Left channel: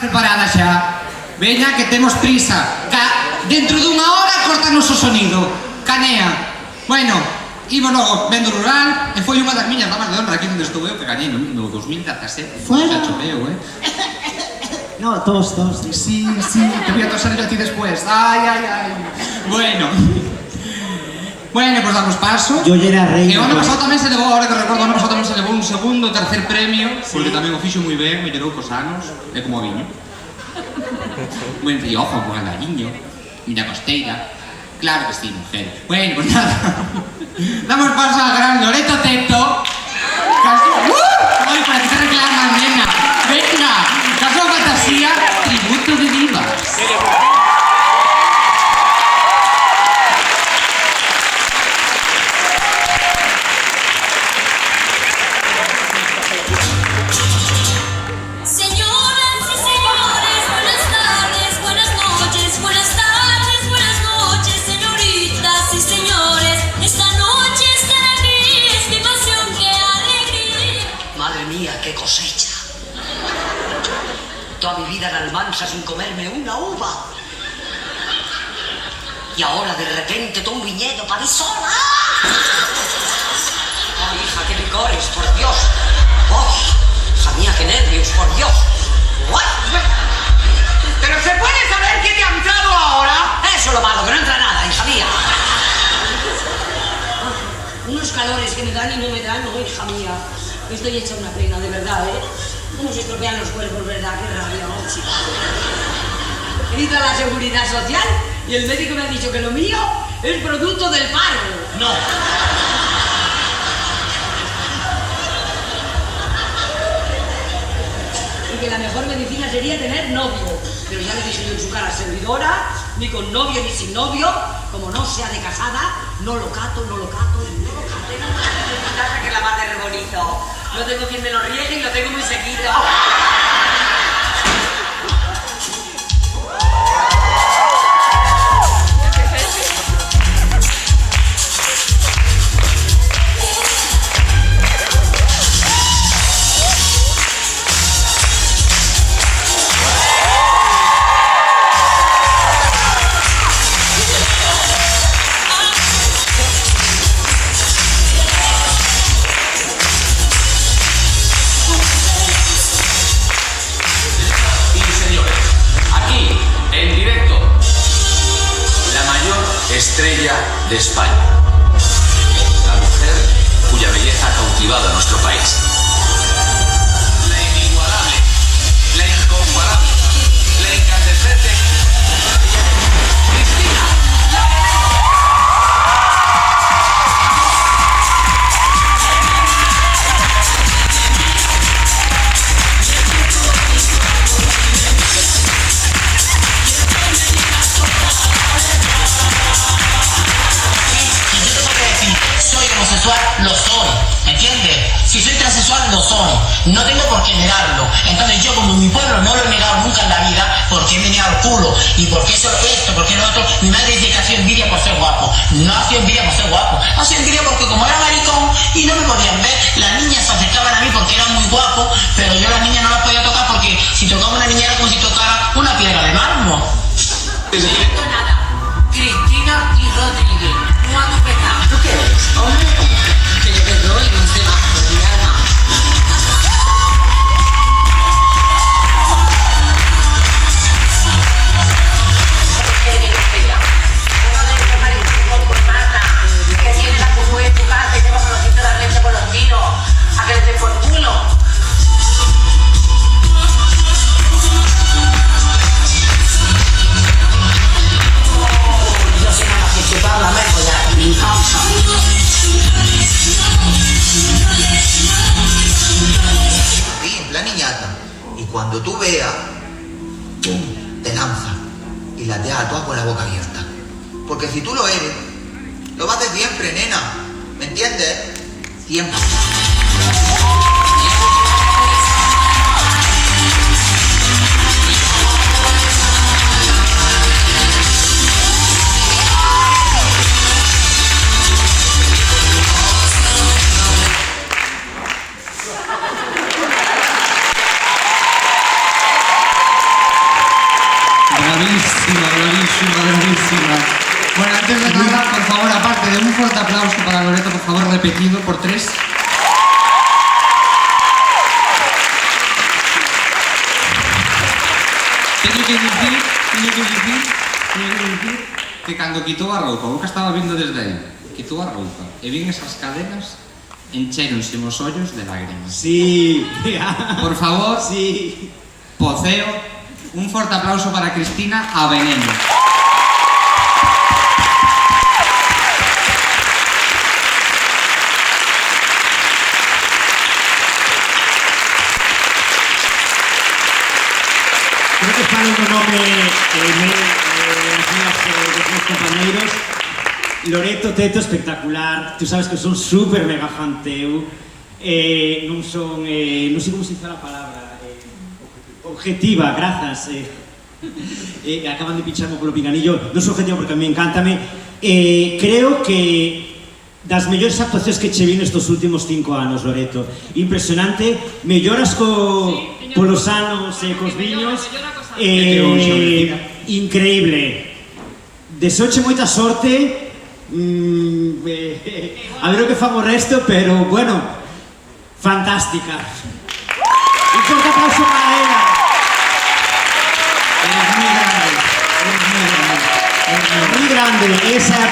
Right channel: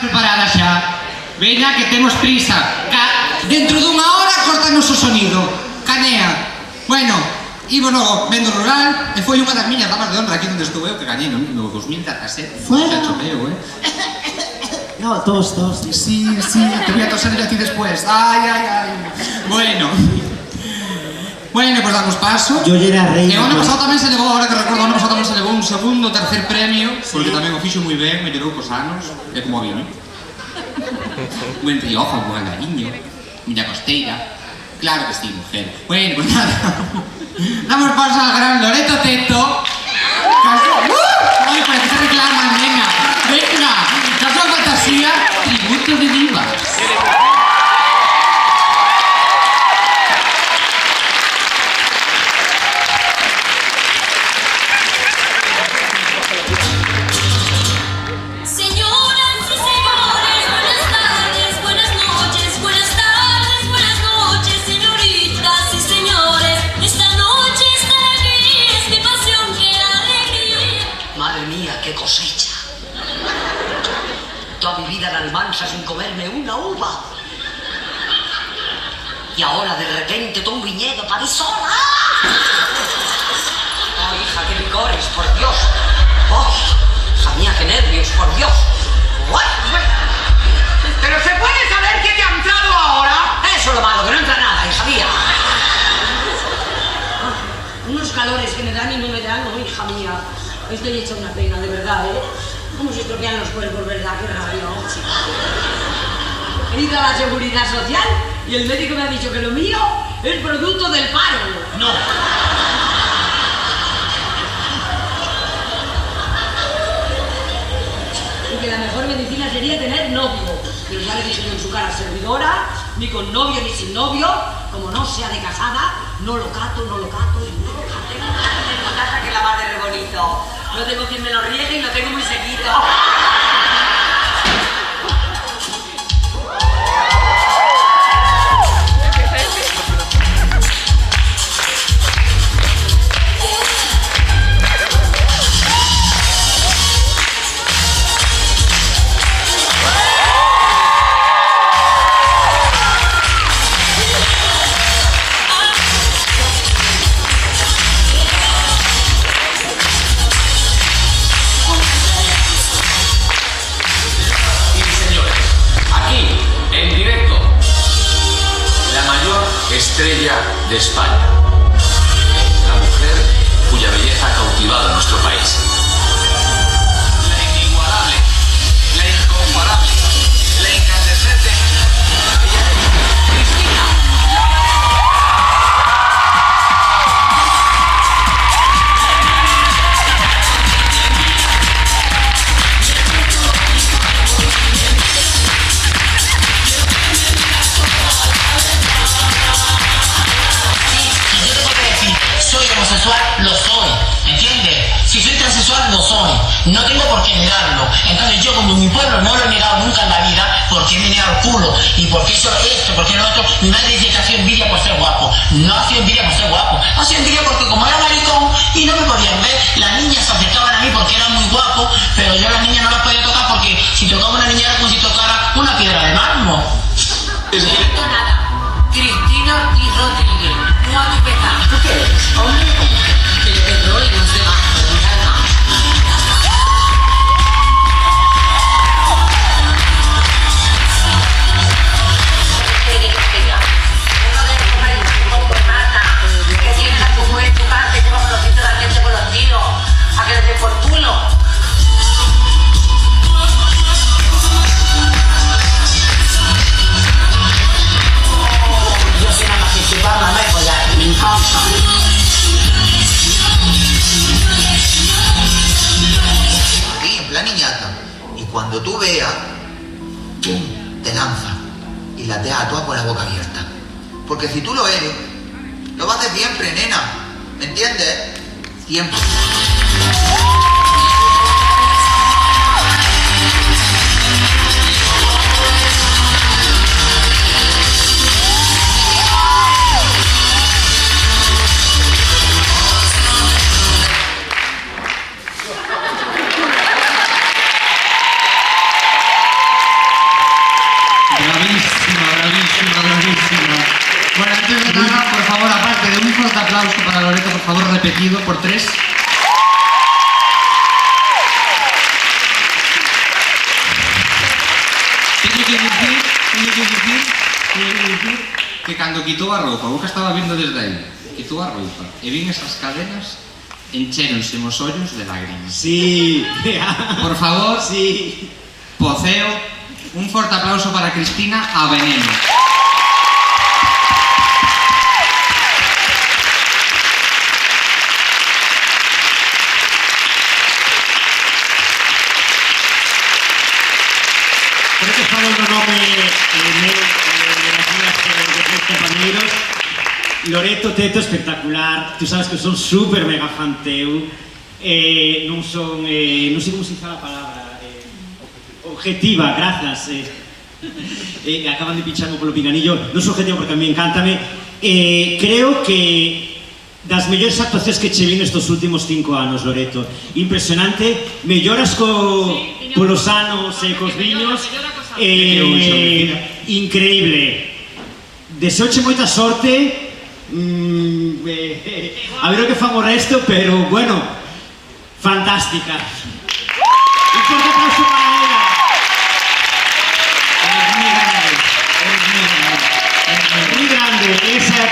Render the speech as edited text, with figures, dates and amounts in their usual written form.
Preparada xa. Veña, que temos prisa. Dentro dunha hora cortanos o sonido. Canea. Bueno, ímonos vendo rural e foi unha das miñas damas de honra aquí onde estou eu que gañei no 2017. Xa chopeo, No, tos. Sí, te voy a toser yo a ti después. Ay. Bueno, pues damos paso. Yo ya era rey. E o ano pasado tamén se levou, ahora que recordo, o ano pasado tamén se levou un segundo, tercer premio, porque tamén o fixo moi ben, mellorou cos anos, é como o viño. Buen Rioja, buen Galiño, miña costeira. Claro que sí, mujer. Bueno, pues nada. Damos paso a la gran Loreto Teto. Ay, para que se reclaman, nena. Venga, Caso Fantasía, tributo de divas. Toda mi vida en Almansa sin comerme una uva. Y ahora de repente todo un viñedo para mí sola. Ay, hija, qué licores, por Dios. ¡Oh! Hija mía, qué nervios, por Dios. Pero se puede saber qué te ha entrado ahora. Eso es lo malo, que no entra nada, hija mía. Unos calores que me dan y no me dan, no, hija mía. Estoy hecha una pena, de verdad, ¿Cómo se estropean los cuerpos, verdad? Qué rabia, chica. He ido a la Seguridad Social y el médico me ha dicho que lo mío es producto del paro. No. Y que la mejor medicina sería tener novio. Pero ya le dije en su cara servidora, ni con novio ni sin novio, como no sea de casada, no lo cato y no lo cato. En mi casa que la madre es bonito. No tengo quien me lo riegue y lo tengo muy seguido. Estrella de España, la mujer cuya belleza ha cautivado a nuestro país. La inigualable, la incomparable, la incandescente Cristina. Lo soy, ¿entiendes? Si soy transexual, lo soy. No tengo por qué negarlo. Entonces yo, como mi pueblo no lo he negado nunca en la vida, ¿por qué me niega el culo? ¿Y por qué solo esto? ¿Por qué no otro? Mi madre dice que ha sido envidia por ser guapo. No ha sido envidia por ser guapo. Ha sido envidia porque como era maricón y no me podían ver, las niñas se acercaban a mí porque era muy guapo, pero yo a las niñas no las podía tocar porque si tocaba una niña era como si tocara una piedra de mármol. Cristina y Rodríguez. No hay que dar. ¿Tú qué eres? Hombre, que le doy un debajo de mi alma. Que tienes a tu mujer en tu casa, que llevas los dientes de la leche con los tiros. A que le den por culo. Yo soy una participar la mejor de mi infancia. Sí, en plan niñata. Y cuando tú veas, ¡pum!, te lanza y la dejas toda con la boca abierta. Porque si tú lo eres, lo vas a hacer siempre, nena. ¿Me entiendes? Siempre. bravísima. Bueno, antes de nada, por favor, aparte de un fuerte aplauso para Loreto, por favor, repetido por 3. Teño que dicir que cando quitou a roupa, o que estaba vindo desde aí, quitou a roupa, e vin esas cadenas, enchéronse os ollos de lágrimas. Sí. Por favor, Sí. Poceo, un forte aplauso para Cristina a Veneno. Creo que está dando nome de tres compañeiros. Loreto, Teto, espectacular. Tú sabes que son super mega fan teu. Non sei como se dice a palabra. Objetiva, grazas. Acaban de picharme polo pinganillo. Non sou objetivo porque a mí encántame. Creo que das mellores actuacións que che vin estos últimos 5 anos, Loreto. Impresionante. Melloras polos anos e cos viños. Increíble. Deseoche moita sorte. A ver o que fan o resto, pero bueno, fantástica. Un forte aplauso para ela. Eres muy grande. Muy grande, esa é a